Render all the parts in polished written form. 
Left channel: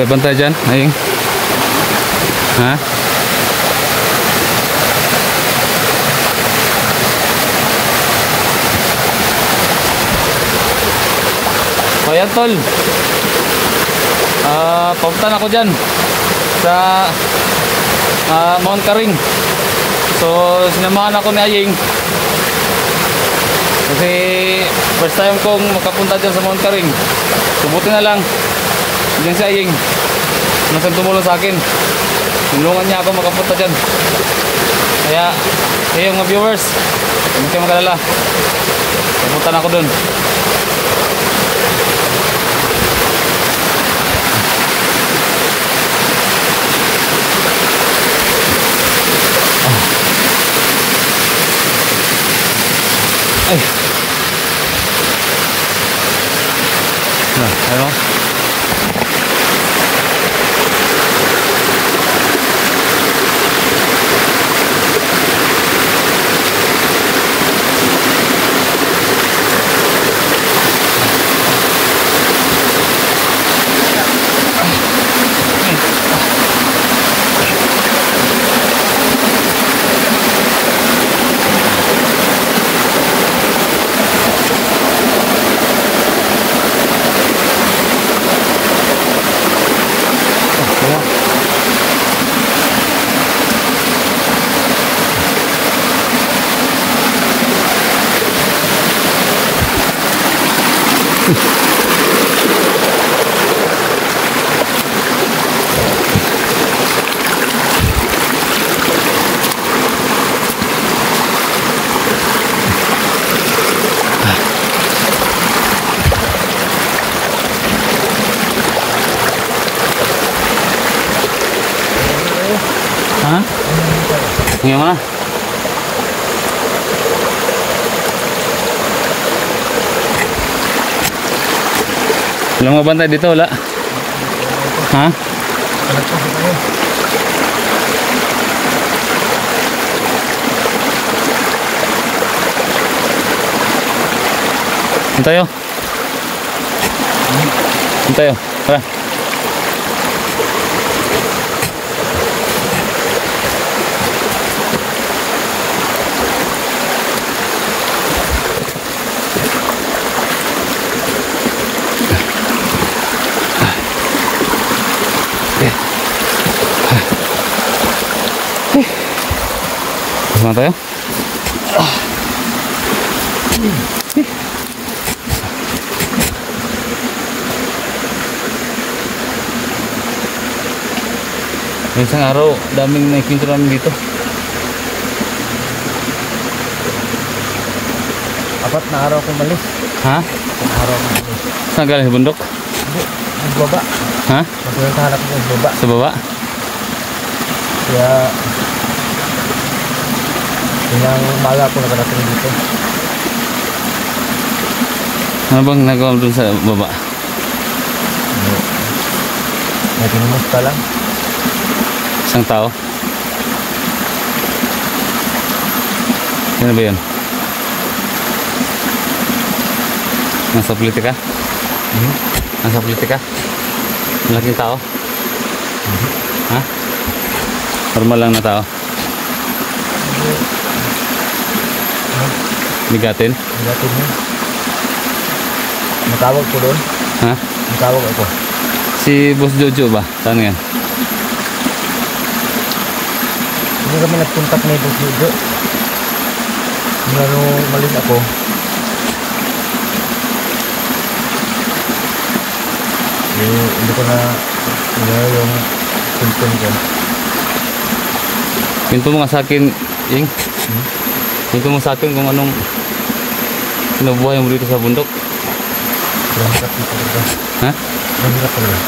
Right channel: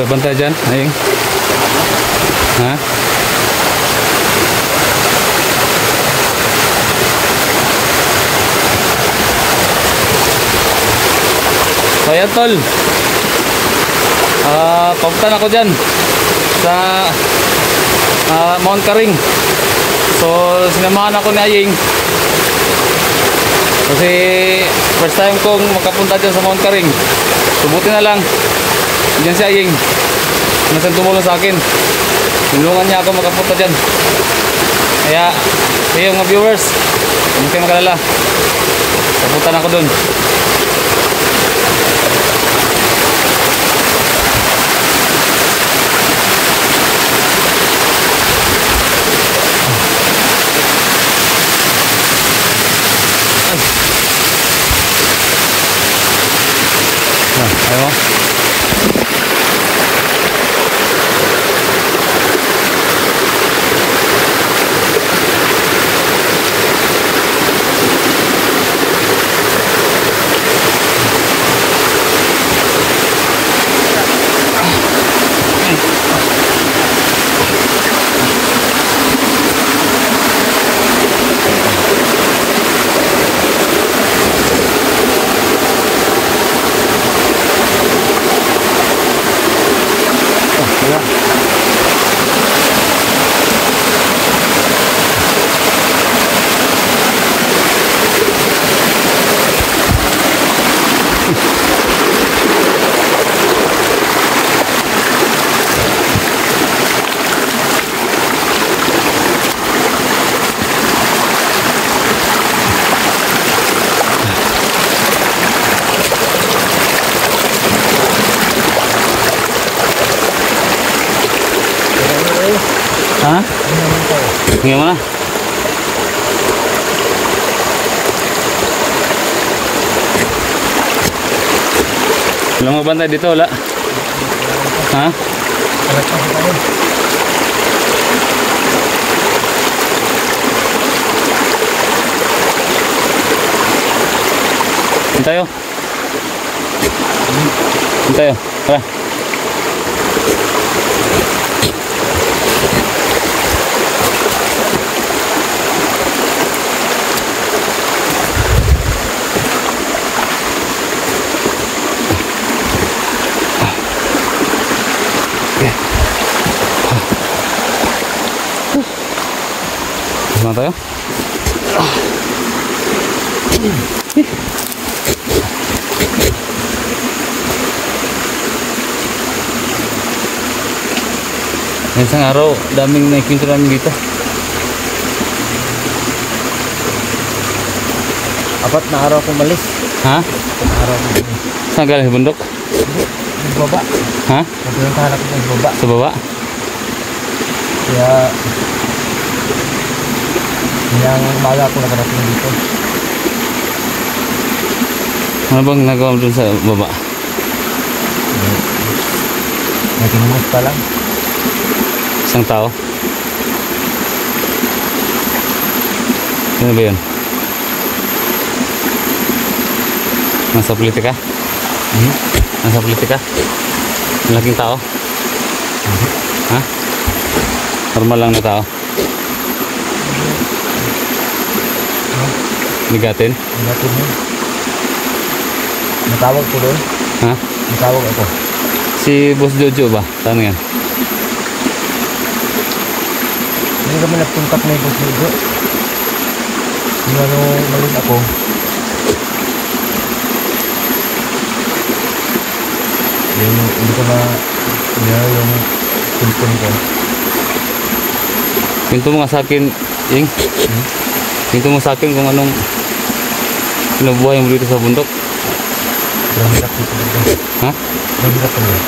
Wala bantay dyan, Aying? Ha? O yan tol, papunta ako dyan sa Mount Karing. So sinamahan ako ni Aying kasi first time kong makapunta dyan sa Mount Karing. Subuti na lang dyan si Aying, nasang tumulong sa akin, tulungan niya ako makapunta dyan. Kaya yung mga viewers, huwag kayo magalala, papunta na ako dun. Ayo. Ha? Tingnan mo na. Walang mabantay dito, wala? Ha? Hintayo. Hintayo. Tara. Saan tayo? Isang araw, daming nakikinto namin dito. 4 na araw kong malis. Ha? 4 araw kong malis. Saan galing sa bundok? Hindi, nagbaba. Ha? Napinuntahan ako nagbaba. Sa baba? Kaya hinang umaga ako nakarating dito. Ano bang nagawa mo dun sa baba? Naginimos pa lang. Isang tao? Sino ba yun? Nasa politika? Nasa politika? Malaking tao? Ha? Normal lang na tao? Bigatin? Bigatin yun. Natawag ko doon. Ha? Natawag ako. Si Boss Jojo ba? Saan yan? Hindi kami nagpuntak na yung Boss Jojo. Nung malis ako, hindi ko na yung cellphone ko. Pinto mo nga sa akin, Ying. Pinto mo sa akin kung anong pinubuhay mo dito sa bundok. Sobrang hirap dito talaga. Ha? Sobrang hirap talaga.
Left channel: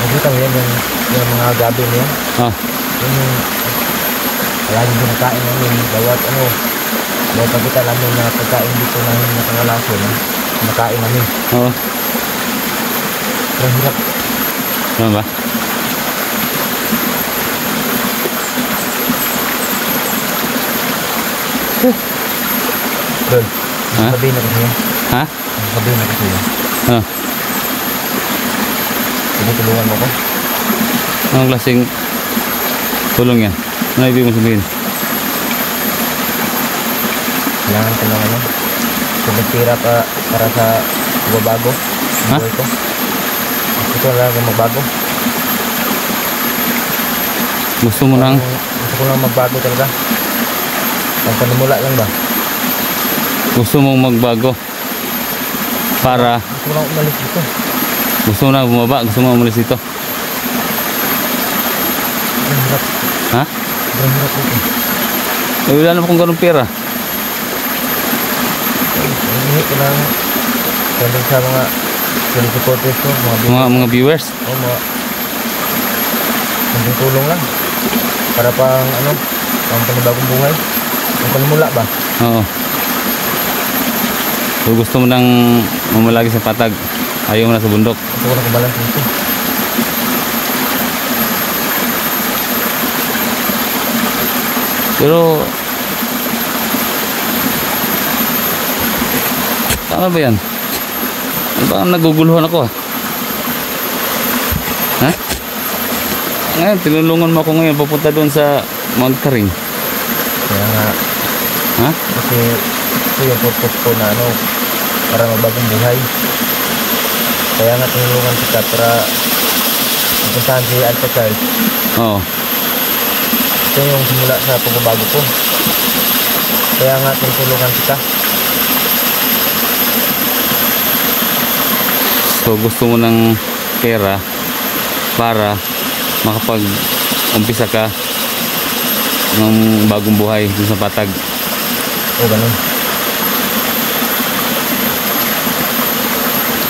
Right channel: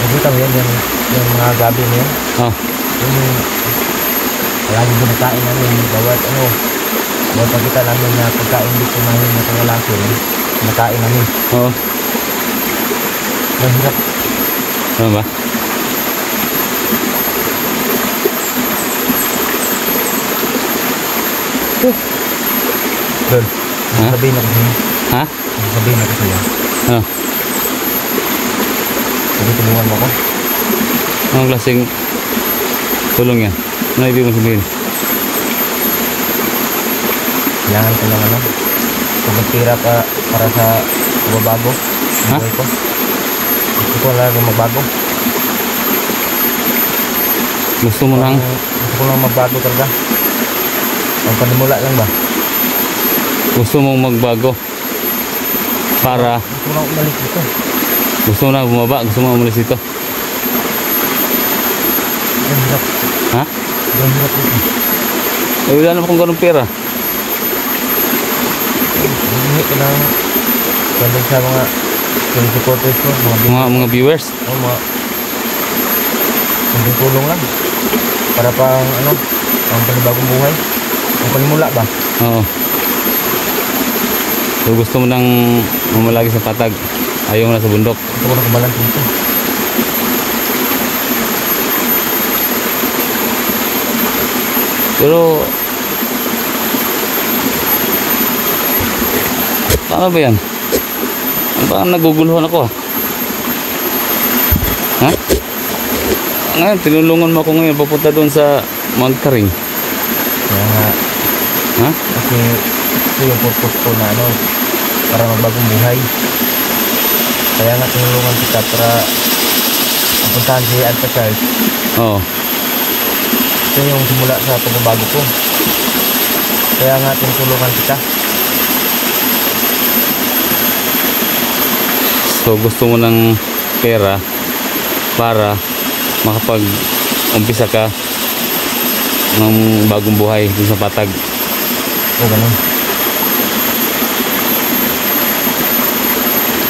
Nakita mo yan, yung mga gabi niya. Oh. Yung palagi binakain namin, bawat pagkita namin na pagkain dito namin nakakalason, nakain namin. Oo. Sobrang hirap. Ano ba? Doon, ha? sabihin na kasi yan. Ha? Sabihin na kasi yan. Oh. Sige, tulungan mo ko. Anong klaseng tulong yan? Ano ibig mo sabihin? Kailangan ko ng ano, pagpira para sa bago Ha? buhay ko. Gusto ko lang magbago. Gusto mo nang Gusto ko lang magbago talaga. Ang panimula lang ba? gusto mong magbago para Gusto ko lang umalis dito. gusto mo na bumaba, gusto mo umalis dito. Ang hirap. Ha? Ang hirap dito. Eh, wala naman kung ganun pera. Hindi ko lang kundi sa mga supporters ko, Mga viewers. mga kunting tulong lang. Para pang ano, pang panibagong buhay. Pang panimula ba? Oo. So gusto mo nang mamalagi sa patag. Ayaw mo na sa bundok. Gusto ko na kubalance dito. Pero paano ba yan? Parang naguguluhan ako ah. Ha? Ngayon, tinulungan mo ako ngayon papunta doon sa Magkaring. Kaya nga, Ha? kasi ito yung purpose ko na ano, para magbagong buhay. Kaya nga tinulungan kita para mapuntahan si Alpha Charles. Oo. Ito yung simula sa pagbabago ko. Kaya nga tinulungan kita. So gusto mo ng pera para makapag-umpisa ka ng bagong buhay dun sa patag. O ganun.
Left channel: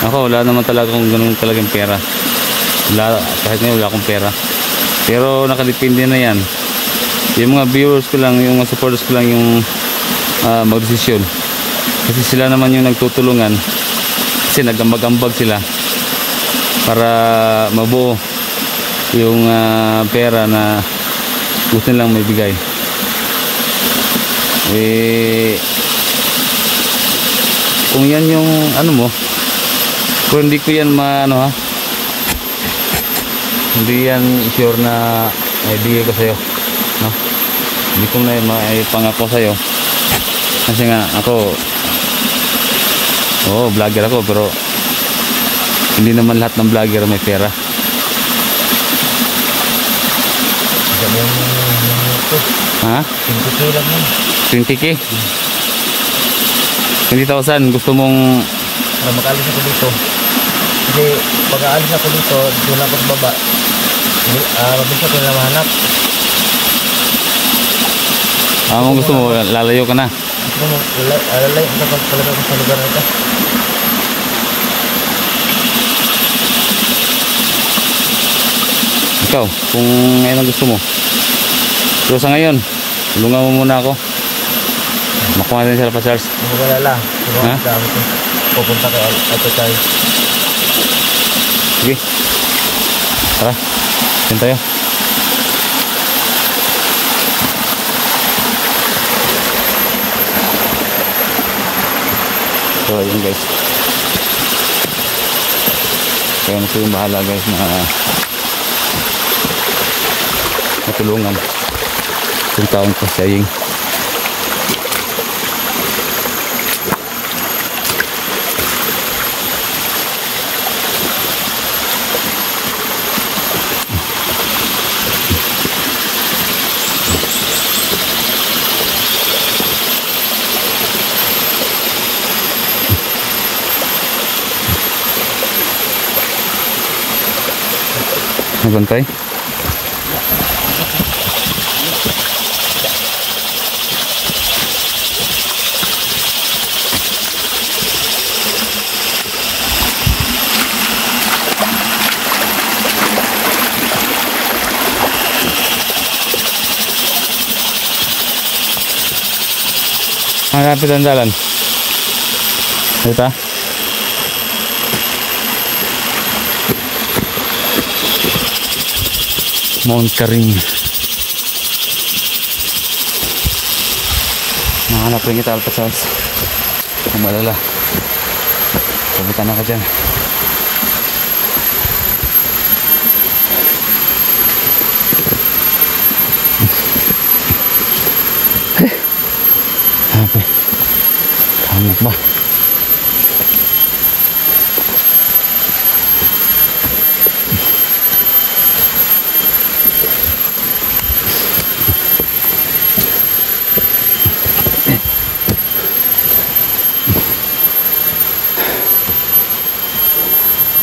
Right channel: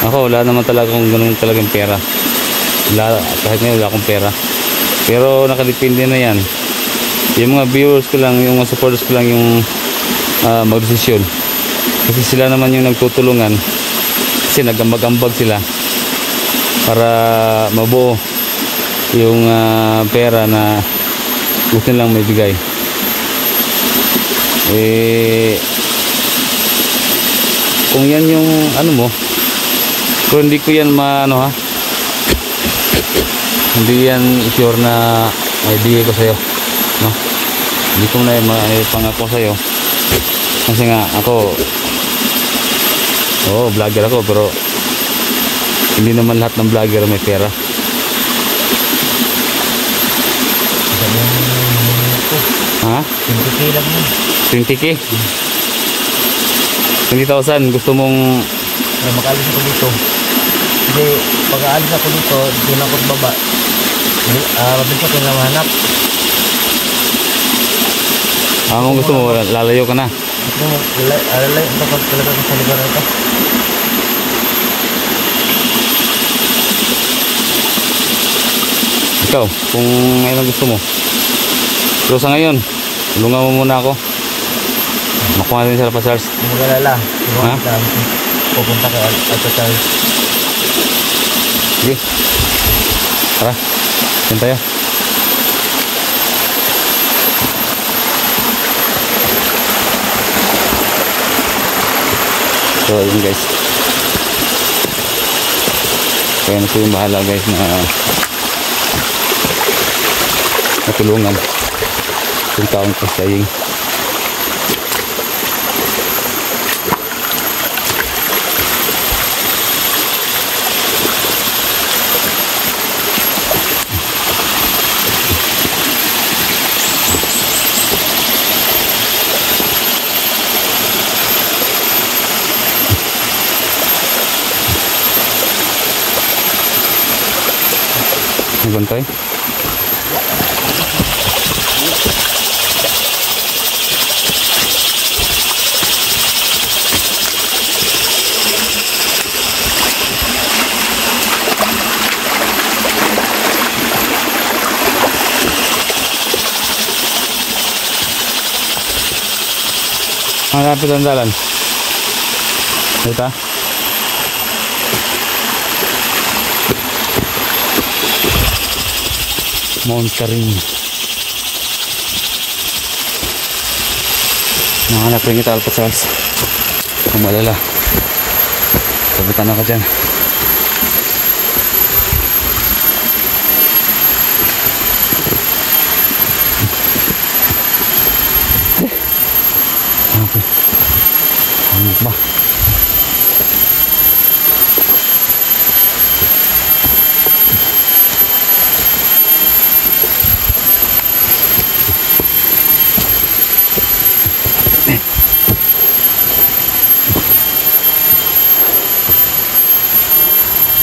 Ako wala naman talaga kung ganun talagang pera. Wala, kahit ngayon wala akong pera. Pero nakadepende na yan. Yung mga viewers ko lang, yung mga supporters ko lang yung magdesisyon. Kasi sila naman yung nagtutulungan. Kasi nagambag-ambag sila para mabuo yung pera na gusto nilang may bigay. Eh, kung yan yung ano mo, kung hindi ko yan ano ha, hindi yan sure na may bigay ko sa'yo, no? Hindi ko na maipangako sa'yo kasi nga ako, oo, vlogger ako, pero hindi naman lahat ng vlogger may pera. Sabi yung minuto. Ha? 20K lang yan. 20K? 20,000 gusto mong Para makaalis ako dito. Kasi pag aalis ako dito, doon ako sa baba. Mabilis ako nila mahanap. kung gusto mo lalayo ka na. Gusto mo, lalay talaga ako sa lugar na ito. Ikaw, kung ngayon ang gusto mo. So sa ngayon, tulungan mo muna ako. Makuha din sila pa Charles. Kung mag-alala, Ha? tulungan kita. Pupunta kay Alpha Charles. Sige. Tara. Yan tayo. So yun guys. Kaya na yung bahala guys na natulungan. Kung tayong pasayin. Magantay. Hanapin ang dalan. Ito. Mount Karing. Nahanap rin kita Alpha Charles. Kung malala, sabitan ako dyan. Bah.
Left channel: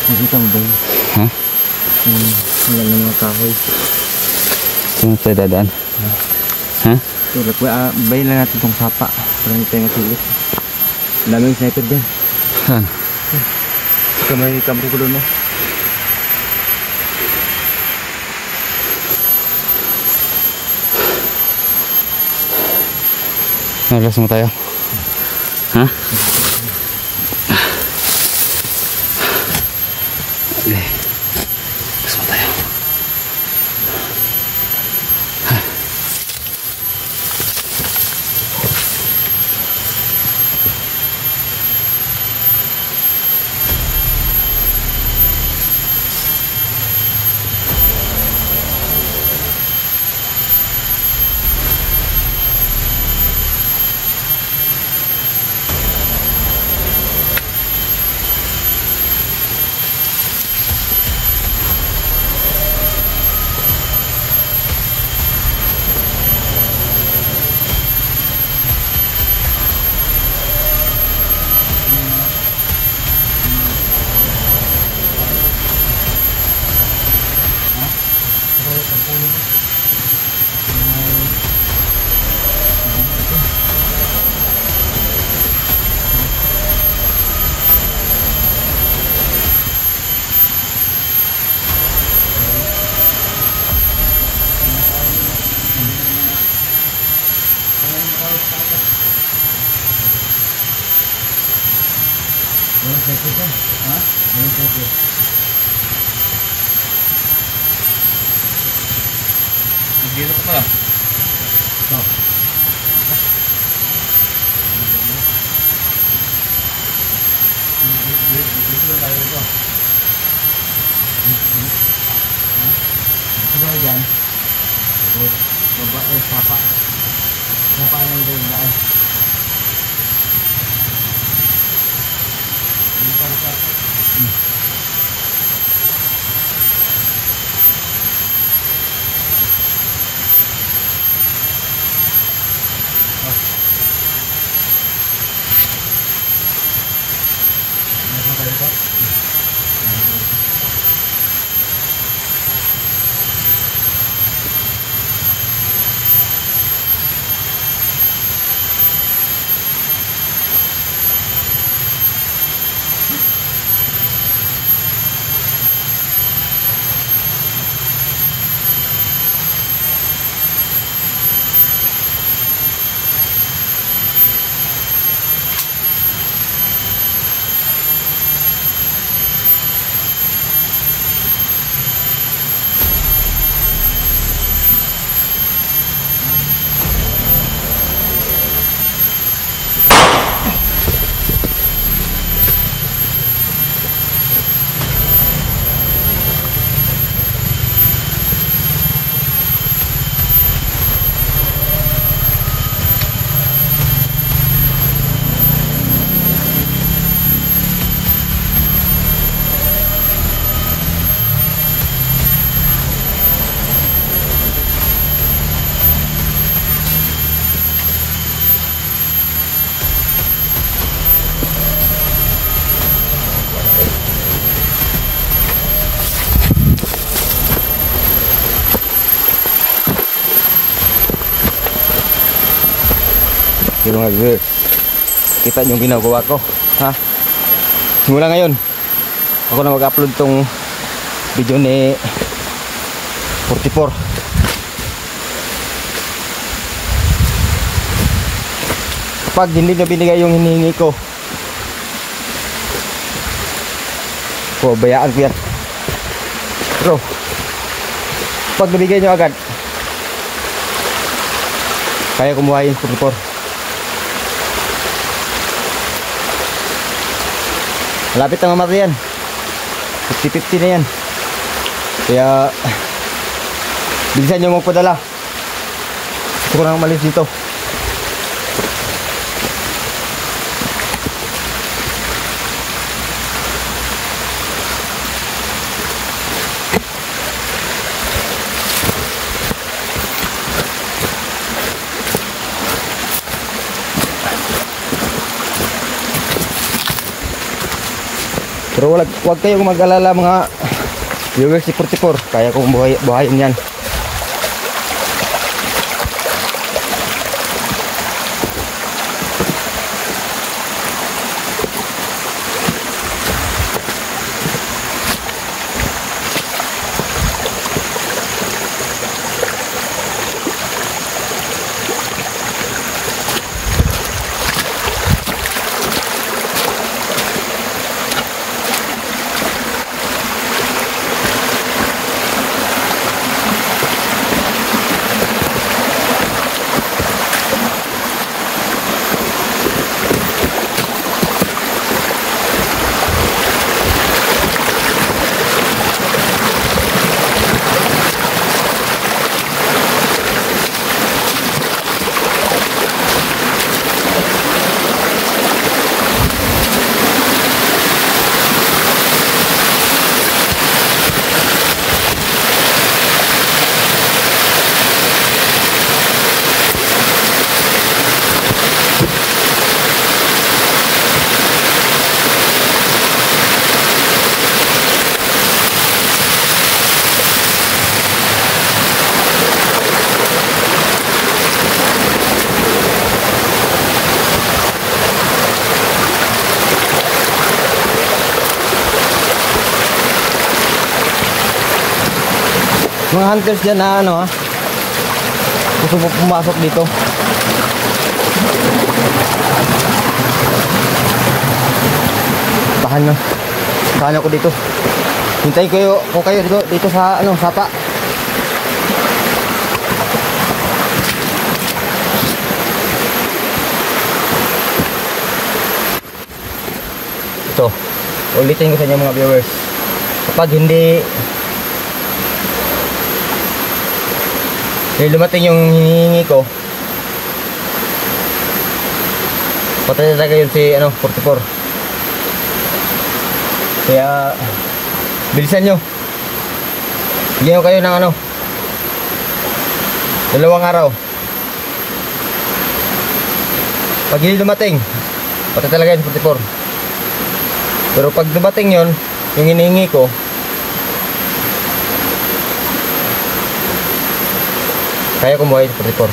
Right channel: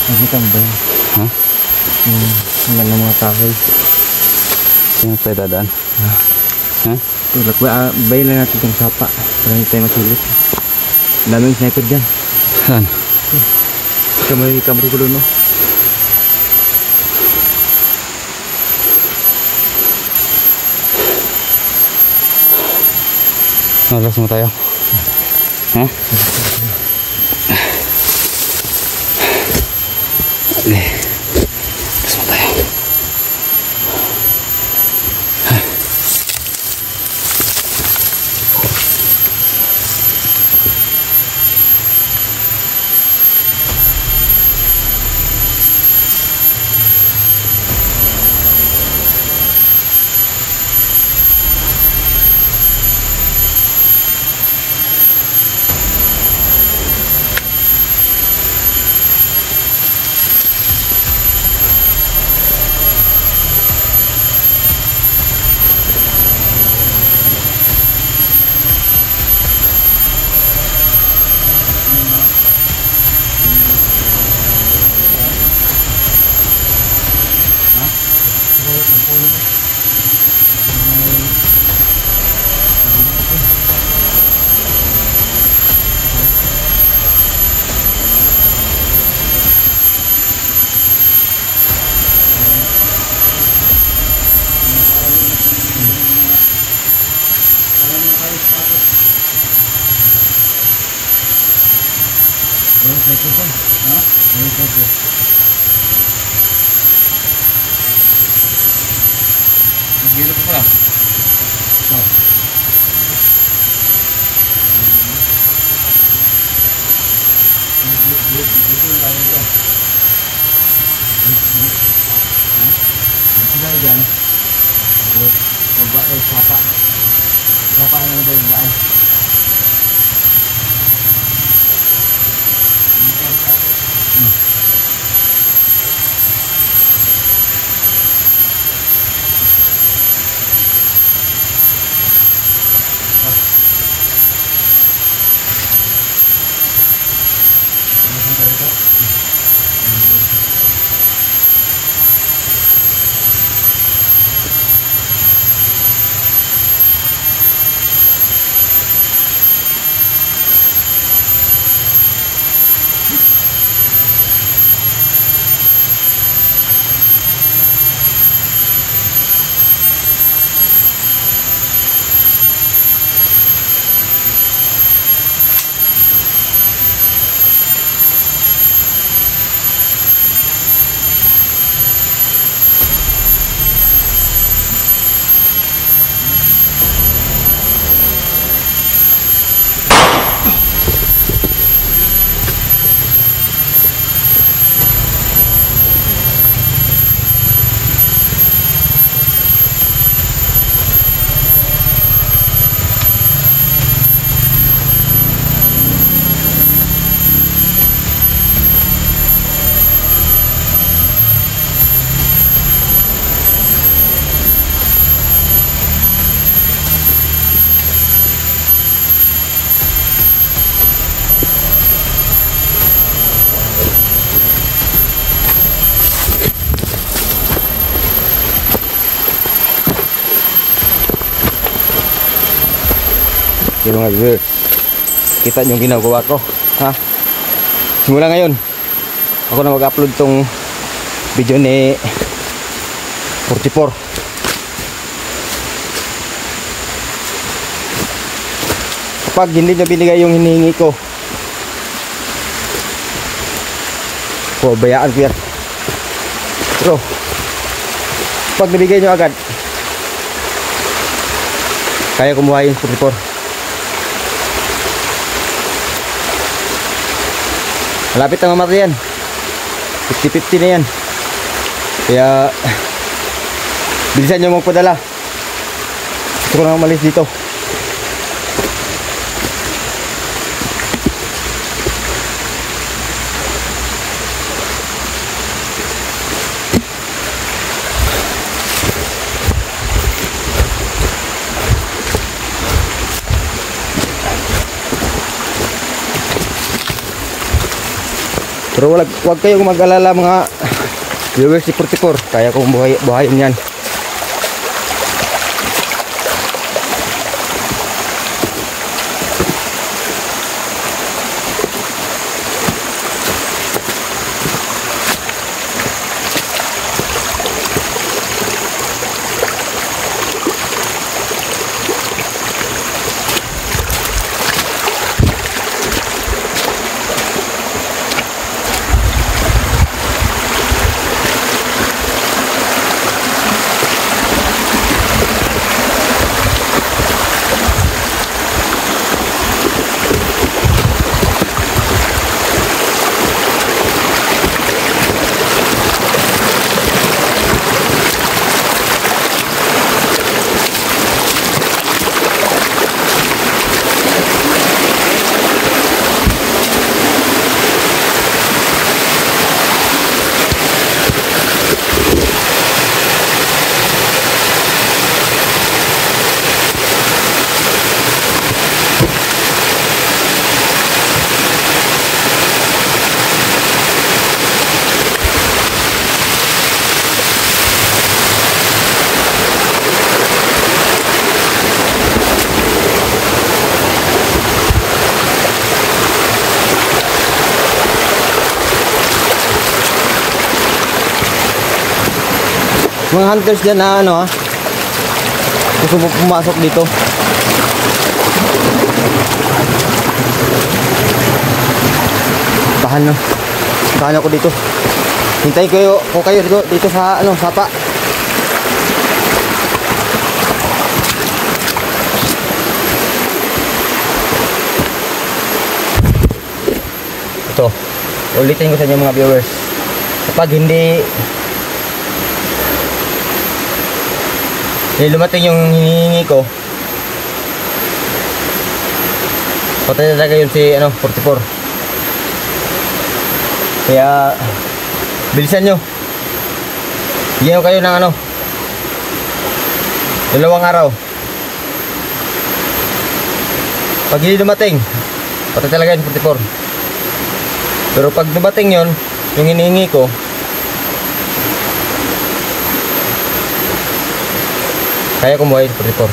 Nakita mo ba yun? Ha? Yung sila ng mga kahoy. Saan tayo dadaan? Ha? Tulad ba? Bayin lang natin itong sapa. Para hindi tayo masulit. Daming sniper dyan. Saan? Ito may kamera ko doon, no? Nalas mo tayo. Ha? Nalas mo tayo. Walang sniper dyan. Ha? Walang sniper. Nagdito ka pala. Ikaw. Dito lang tayo ito. Ha? Dito tayo dyan. Tapos, baba tayo sapa. Sapa lang tayo dyan. Nasaan tayo ito? Okay mga viewers, kita nyo yung ginagawa ko, ha? Simula ngayon ako na mag-upload tong video ni 44. Kapag hindi nyo binigay yung hinihingi ko, bayaan ko yan. Pero pag nabigay nyo agad, kaya kumuha yung 44. Malapit na mamatay yan. 50-50 na yan. Kaya bilisan nyo magpadala. Gusto ko nang umalis dito. Pero wag kayong mag-alala mga viewers si 44. Kaya kong buhayin yan. Mga hunters dyan na ano, gusto mo pumasok dito. Tahan ako dito. Hintayin ko kayo dito sa ano, sapa. Ito, ulitin ko sa inyo mga viewers. Kapag hindi lumating yung hinihingi ko, patay talaga yun si ano, 44. Kaya bilisan nyo. Bigyan ko kayo ng ano, 2 araw. Pag hindi dumating, patay talaga yun 44. Pero pag dumating yun, yung hinihingi ko, kaya kong buhay 44.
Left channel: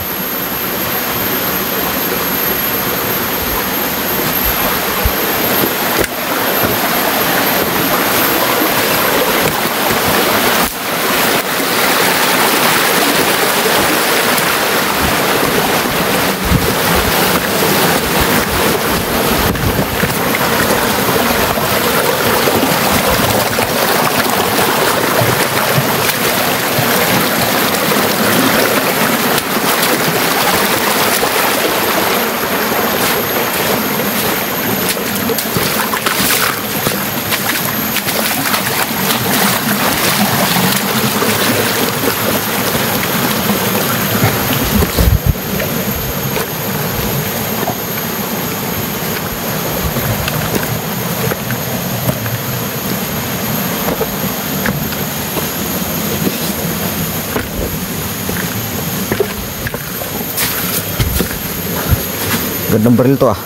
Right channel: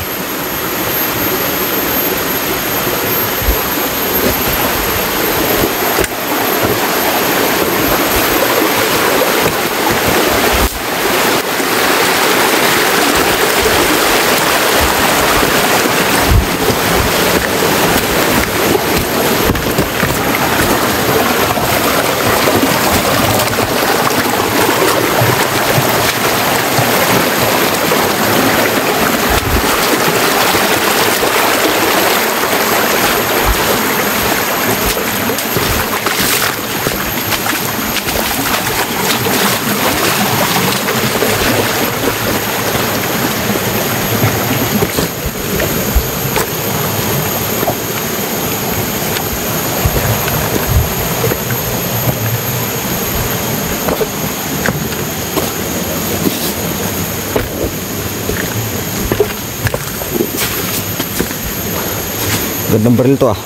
Gandang baril to ah.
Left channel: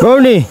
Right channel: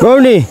Bernie!